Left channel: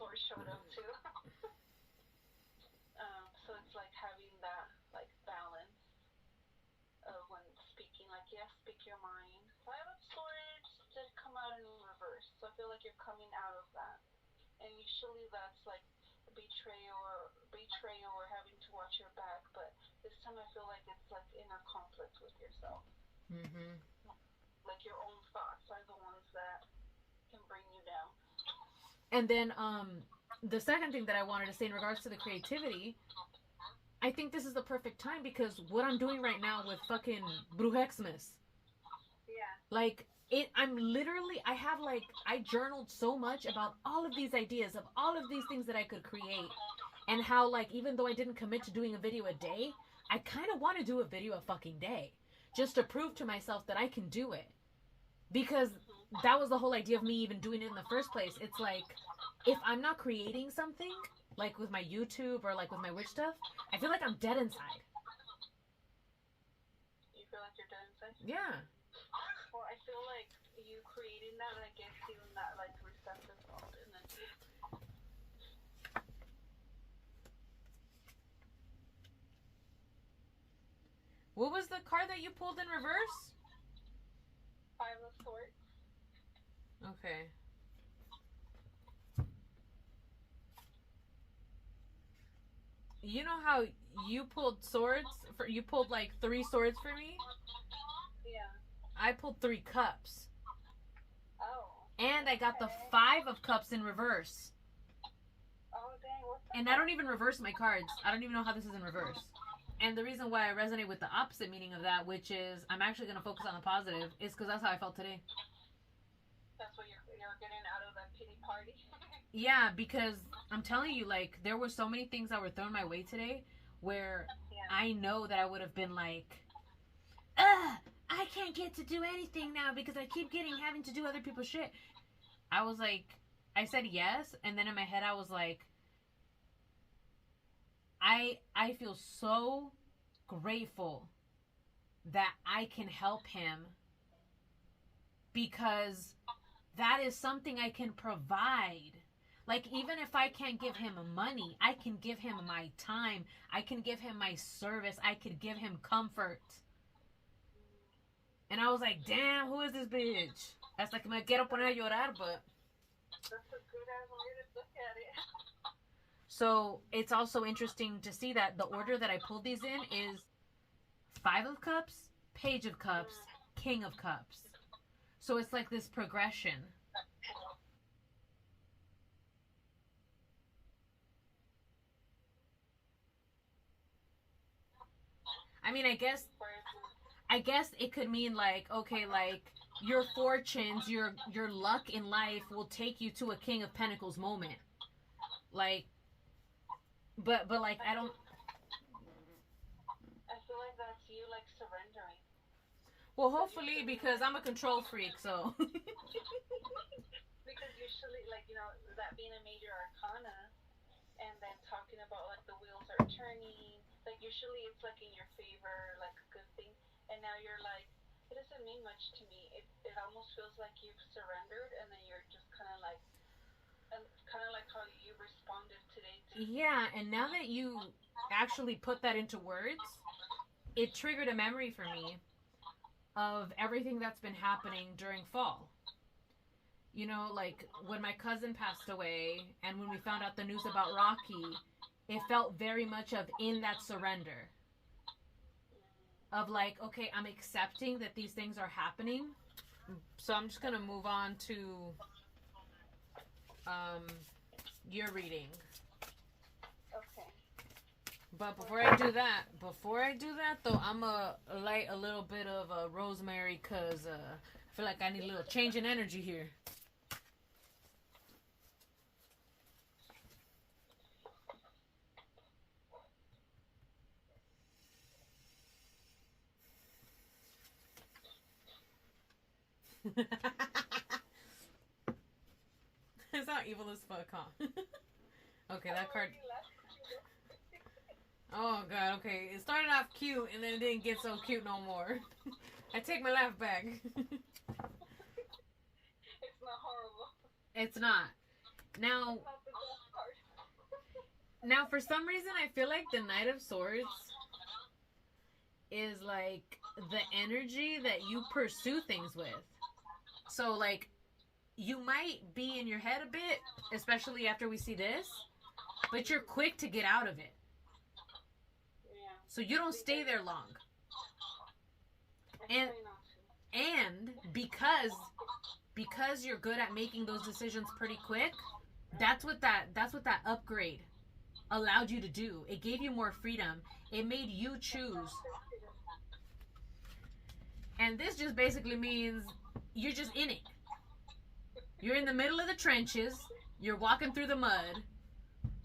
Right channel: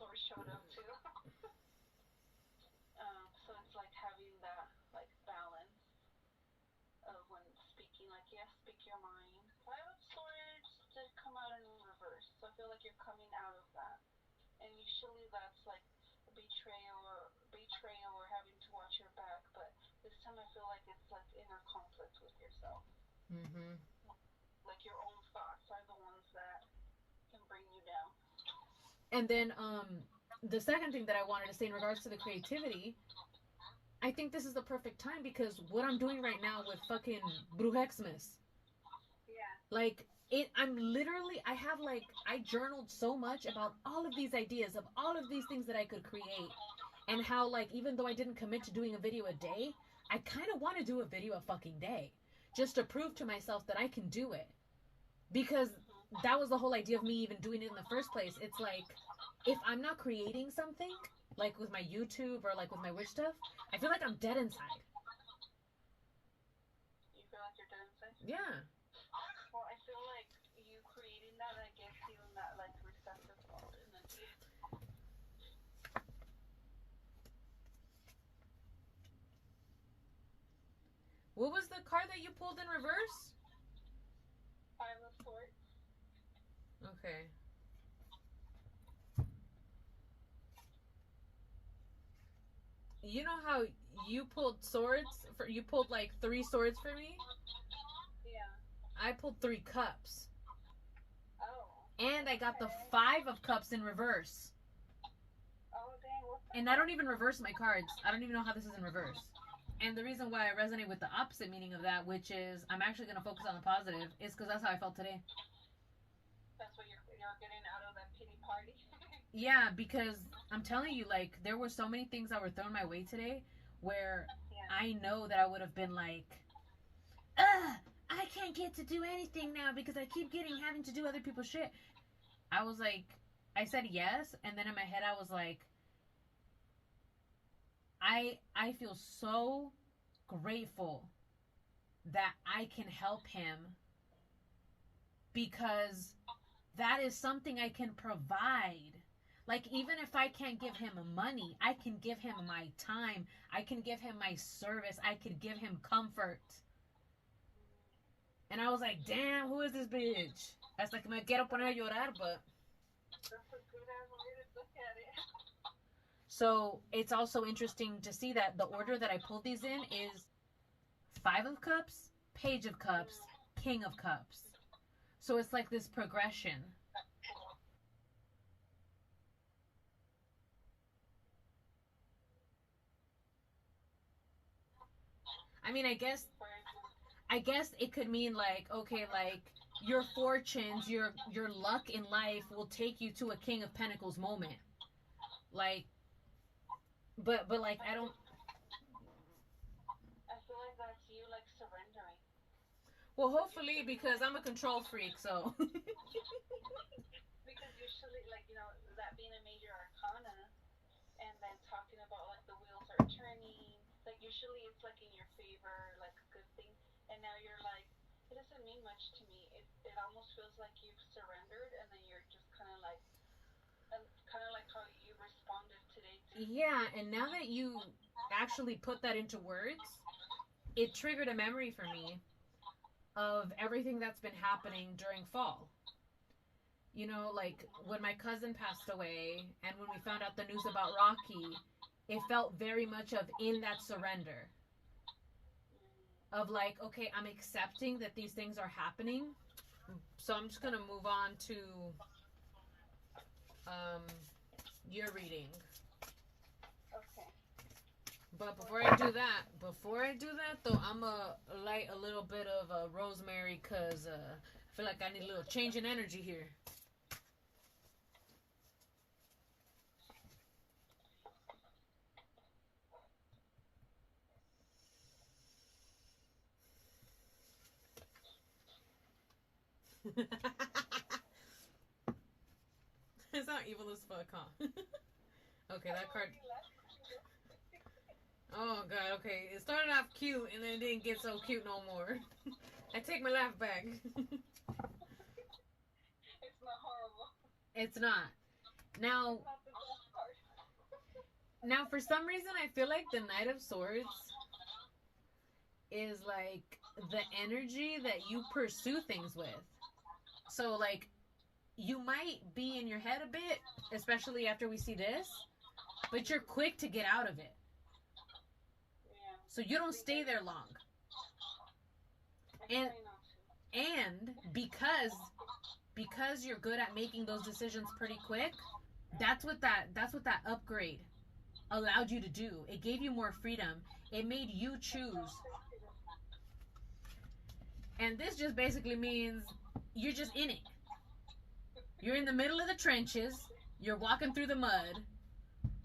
sword showed up too. So it's like having that like balance of when speaking, like yes, speak your mind. Five of Swords did come out in reverse, so I feel like you're coming out of that. And usually that's like betrayal or having to watch your back, but this time I feel like it's like inner conflict with yourself. Mm-hmm. Like your own thoughts are the ones that can bring you down. And then the second thing that I wanted to say in regards to the creativity, I think this is the perfect time because what I'm doing right now with fucking Brujx-mas, Yeah. like I'm literally, I journaled so much about all of these ideas of all of these things that I could create, and how like even though I didn't commit to doing a video a day, I kind of want to do a video a fucking day, just to prove to myself that I can do it. Because that was the whole idea of me even doing it in the first place. It's like, if I'm not creating something, like with my YouTube or like with my witch stuff, I feel like I'm dead inside. You feel like you're dead inside? Yeah. Well, I feel like you creating that, I guess, you in that like receptive mode, and then. What was the card that you pulled in reverse? Five of Swords. Okay. You know how you pulled swords? You pulled like 3 swords for me? Yeah. I pulled 3 cups. Oh. And I got the 5 of cups in reverse. Oh, dang. What's that? And I don't even reverse my cards. I don't even know how this is in reverse. And the reason why I resonate with the opposite meaning of that, which is I'm actually going to focus on the positive, is because that's how I felt today. That's what you're getting out of that pity party. Yeah, because I'm telling you, like, there were so many things that were thrown my way today where I know that I would have been like, I can't get to do anything now because I keep having to do other people's shit. I was like, I said yes, and then in my head I was like, I feel so grateful that I can help him because that is something I can provide. Like, even if I can't give him money, I can give him my time. I can give him my service. I could give him comfort. And I was like, damn, who is this bitch? Hasta que me quiero poner a llorar, but... That's a good ass way to look at it. So, it's also interesting to see that the order that I pulled these in is 5 of Cups, Page of Cups, King of Cups. So it's like this progression. I mean, I guess it could mean like, okay, like your fortunes, your luck in life will take you to a King of Pentacles moment. Like, but like I don't. I feel like that's you like surrendering. Well, hopefully, because I'm a control freak, so. Because usually, like, you know, that being a major arcana, and then talking about like the wheels are turning, like usually it's like in your favor, like a good thing, and now you're like, it doesn't mean much to me. It almost feels like you've surrendered, and then you're just kind of like how you responded today. Yeah, and now that you actually put that into words, it triggered a memory for me of everything that's been happening during fall. You know, like when my cousin passed away and when we found out the news about Rocky, it felt very much of in that surrender. Of like, okay, I'm accepting that these things are happening. So I'm just going to move on to your reading. Okay. But before I do that though, I'm going to light a little bit of rosemary because I feel like I need a little change in energy here. It's not evil as fuck, huh? Okay, that card. Oh god, okay. It started off cute and then it didn't get so cute no more. I take my laugh back. It's not horrible. It's not. Now, Now, for some reason, I feel like the Knight of Swords is like the energy that you pursue things with. So, like, you might be in your head a bit, especially after we see this, but you're quick to get out of it. So you don't stay there long. And because you're good at making those decisions pretty quick, that's what that upgrade allowed you to do. It gave you more freedom. It made you choose. And this just basically means you're just in it. You're in the middle of the trenches. You're walking through the mud.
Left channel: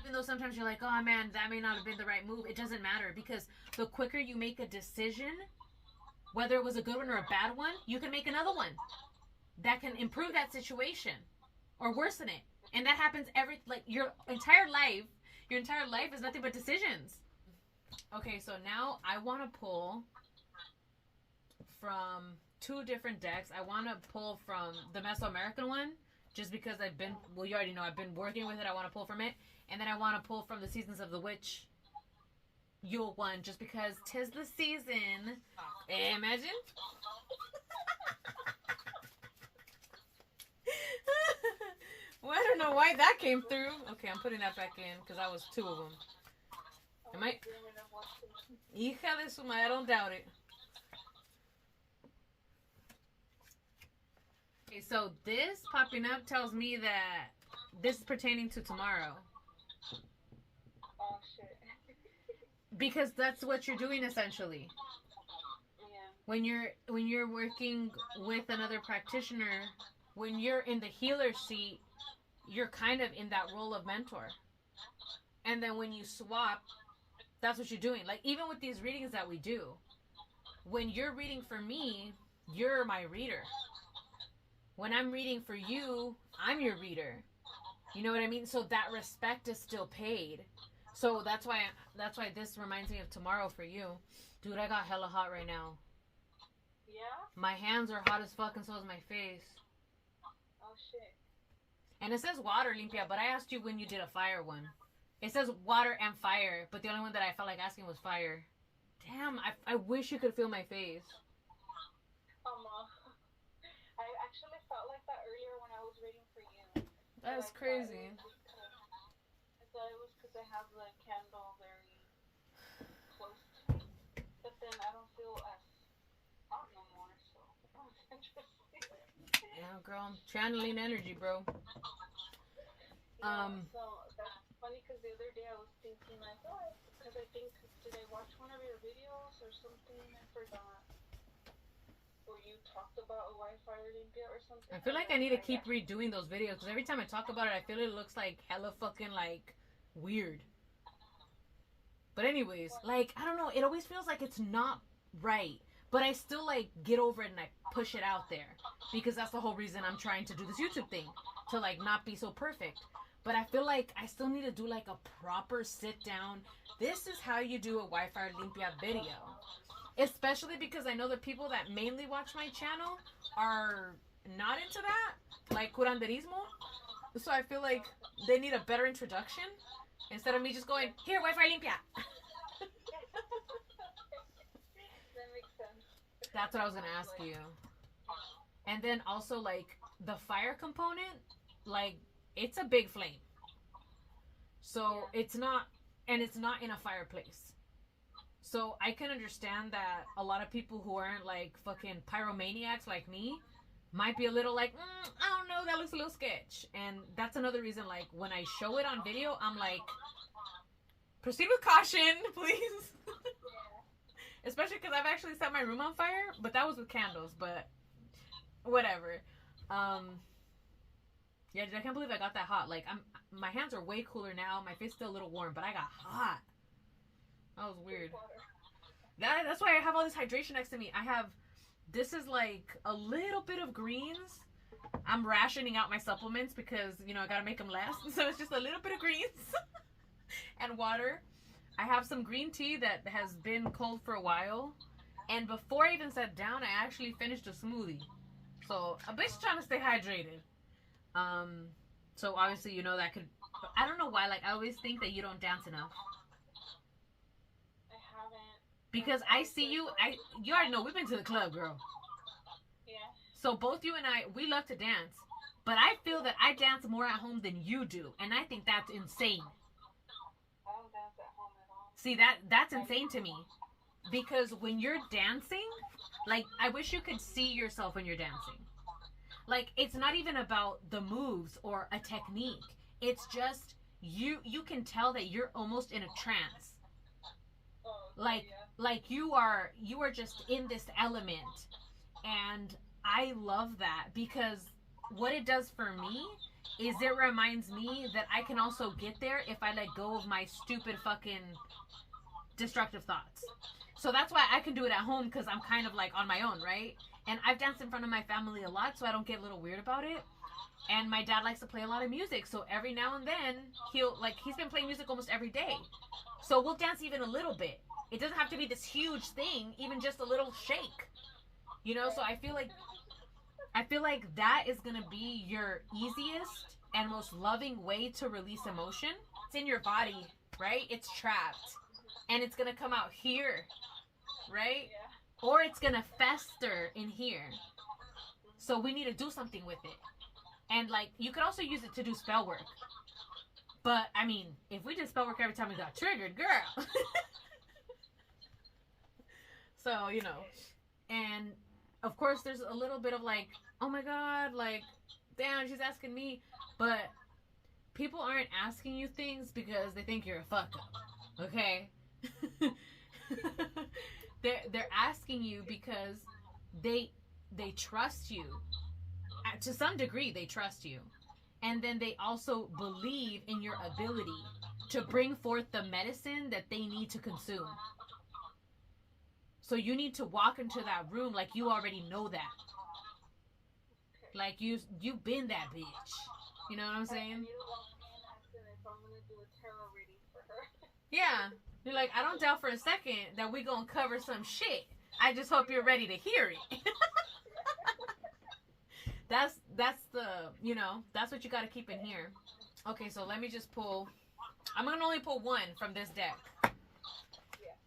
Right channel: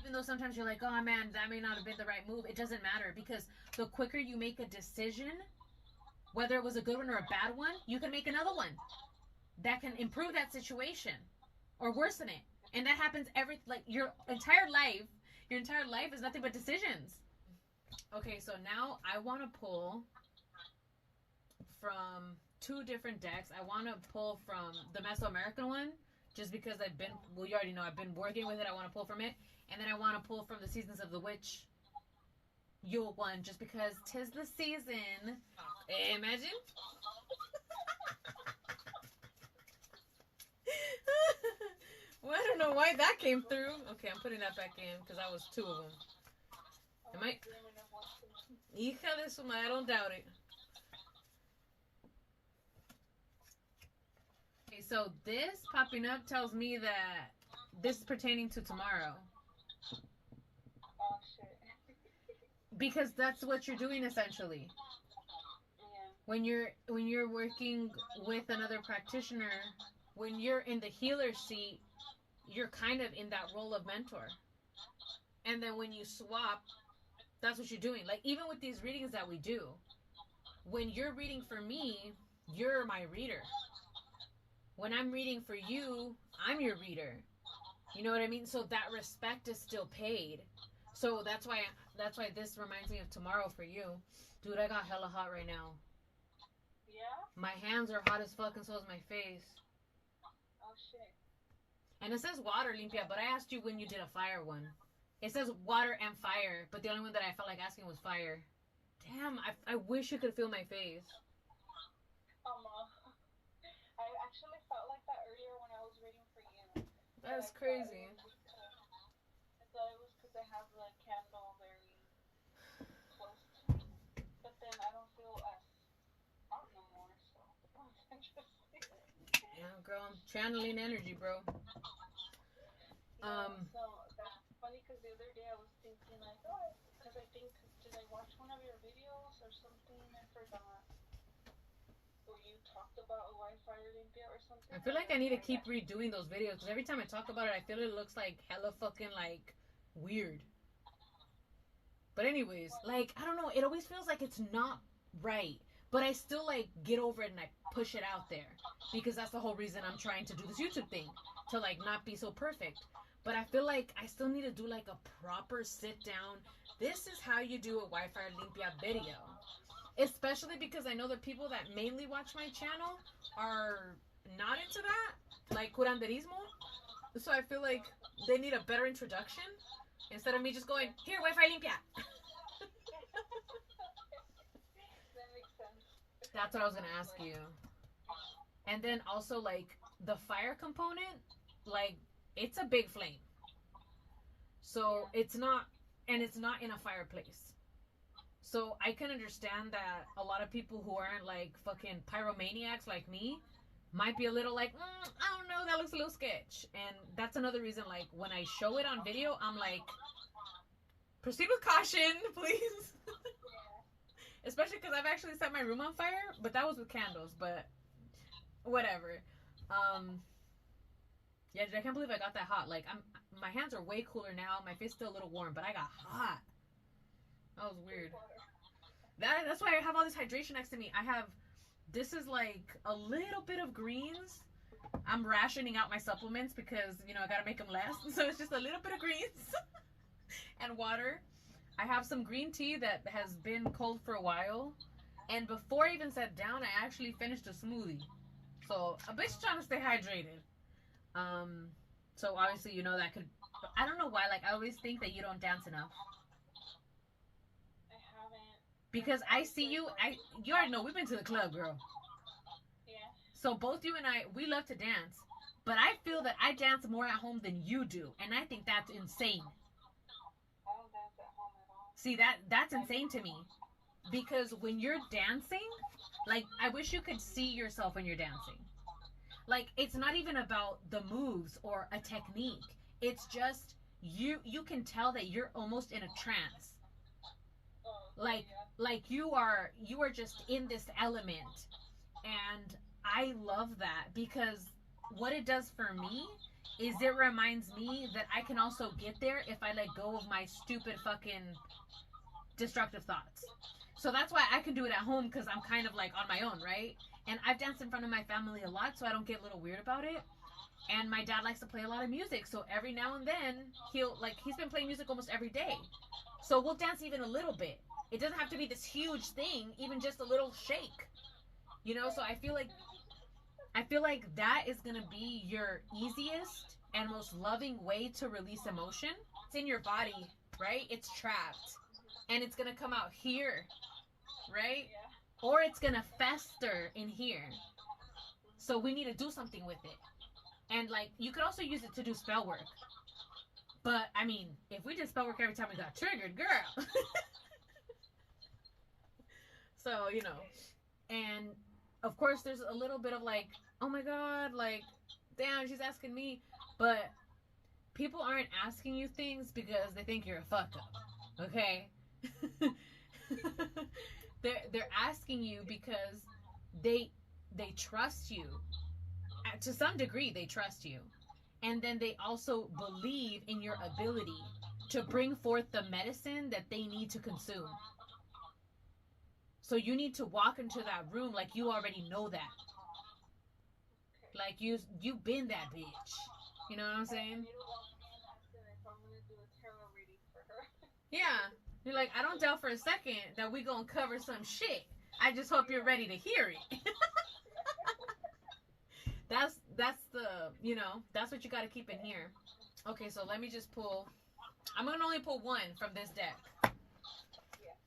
Even though sometimes you're like, oh man, that may not have been the right move. It doesn't matter, because the quicker you make a decision, whether it was a good one or a bad one, you can make another one that can improve that situation or worsen it. And that happens your entire life is nothing but decisions. Okay, so now I want to pull from 2 different decks. I want to pull from the Mesoamerican one, just because you already know I've been working with it. I want to pull from it. And then I want to pull from the Seasons of the Witch Yule one, just because 'tis the season. Imagine. Well, I don't know why that came through. Okay, I'm putting that back in, because that was 2 of them. Am I? Hija de su madre, I don't doubt it. Okay, so this popping up tells me that this is pertaining to tomorrow. Oh, shit. Because that's what you're doing, essentially. Yeah. When you're working with another practitioner, when you're in the healer seat, you're kind of in that role of mentor. And then when you swap, that's what you're doing. Like, even with these readings that we do, when you're reading for me, you're my reader. When I'm reading for you, I'm your reader. You know what I mean? So that respect is still paid. So that's why this reminds me of tomorrow for you. Dude, I got hella hot right now. Yeah? My hands are hot as fuck, and so is my face. Oh, shit. And it says water, Limpia, but I asked you when you did a fire one. It says water and fire, but the only one that I felt like asking was fire. Damn, I wish you could feel my face. I actually felt like that earlier when I was reading for you. That's crazy. I thought it was because I have the candle very close to me. But then I don't feel as hot no more, so that was interesting. Yeah, girl, I'm channeling energy, bro. So that's funny, because the other day I was thinking like, oh, because I think, did I watch one of your videos or something? I forgot. Or you talked about a Wi-Fi Olympia or something. I feel like I need to keep redoing those videos, because every time I talk about it, I feel it looks like hella fucking like weird. But anyways, like, I don't know, it always feels like it's not right. But I still like get over it and I push it out there, because that's the whole reason I'm trying to do this YouTube thing, to like not be so perfect. But I feel like I still need to do like a proper sit down. This is how you do a Wi-Fi Olympia video. Especially because I know the people that mainly watch my channel are not into that, like curanderismo. So I feel like they need a better introduction instead of me just going, here, Wi-Fi Olympia. That makes sense. That's what I was going to ask you. And then also, like, the fire component, like, it's a big flame. So it's not in a fireplace. So I can understand that a lot of people who aren't like fucking pyromaniacs like me might be a little like, I don't know, that looks a little sketch. And that's another reason, like, when I show it on video, I'm like, proceed with caution, please. Especially because I've actually set my room on fire, but that was with candles, but whatever. Yeah, I can't believe I got that hot. Like, my hands are way cooler now. My face is still a little warm, but I got hot. That was weird. That's why I have all this hydration next to me. This is like a little bit of greens. I'm rationing out my supplements because, you know, I gotta make them last. So it's just a little bit of greens and water. I have some green tea that has been cold for a while. And before I even sat down, I actually finished a smoothie. So a bitch trying to stay hydrated. So obviously, you know, that could, I don't know why, like, I always think that you don't dance enough. I haven't. Because I see you, you already know, we've been to the club, girl. Yeah. So both you and I, we love to dance. But I feel that I dance more at home than you do. And I think that's insane. I don't dance at home at all. See, that's insane to me. Because when you're dancing, like, I wish you could see yourself when you're dancing. Like, it's not even about the moves or a technique. It's just, you can tell that you're almost in a trance. Like you are just in this element. And I love that, because what it does for me is it reminds me that I can also get there if I let go of my stupid fucking destructive thoughts. So that's why I can do it at home, because I'm kind of like on my own, right? And I've danced in front of my family a lot, so I don't get a little weird about it. And my dad likes to play a lot of music, so every now and then he's been playing music almost every day. So we'll dance even a little bit. It doesn't have to be this huge thing, even just a little shake. You know, so I feel like that is gonna be your easiest and most loving way to release emotion. It's in your body, right? It's trapped. And it's gonna come out here, right? Yeah. Or it's gonna fester in here. So we need to do something with it. And like, you could also use it to do spell work. But I mean, if we did spell work every time we got triggered, girl. So, you know. And of course there's a little bit of like, oh my god, like, damn, she's asking me. But people aren't asking you things because they think you're a fuck up. Okay? They're asking you because they trust you. To some degree, they trust you. And then they also believe in your ability to bring forth the medicine that they need to consume. So you need to walk into that room like you already know that. Like you've been that bitch. You know what I'm saying? I need to walk in asking if I'm gonna do a tarot reading for her. Yeah. You're like, I don't doubt for a second that we gonna cover some shit. I just hope you're ready to hear it. That's the, you know, that's what you got to keep in here. Okay, so let me just pull. I'm gonna only pull one from this deck. Yeah.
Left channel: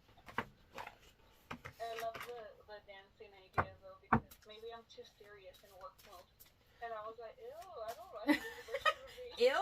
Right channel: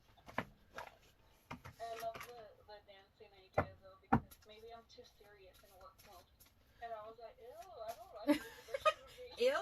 I love the dancing idea though, because maybe I'm too serious in work mode, and I was like, ew, I don't like this. Ew.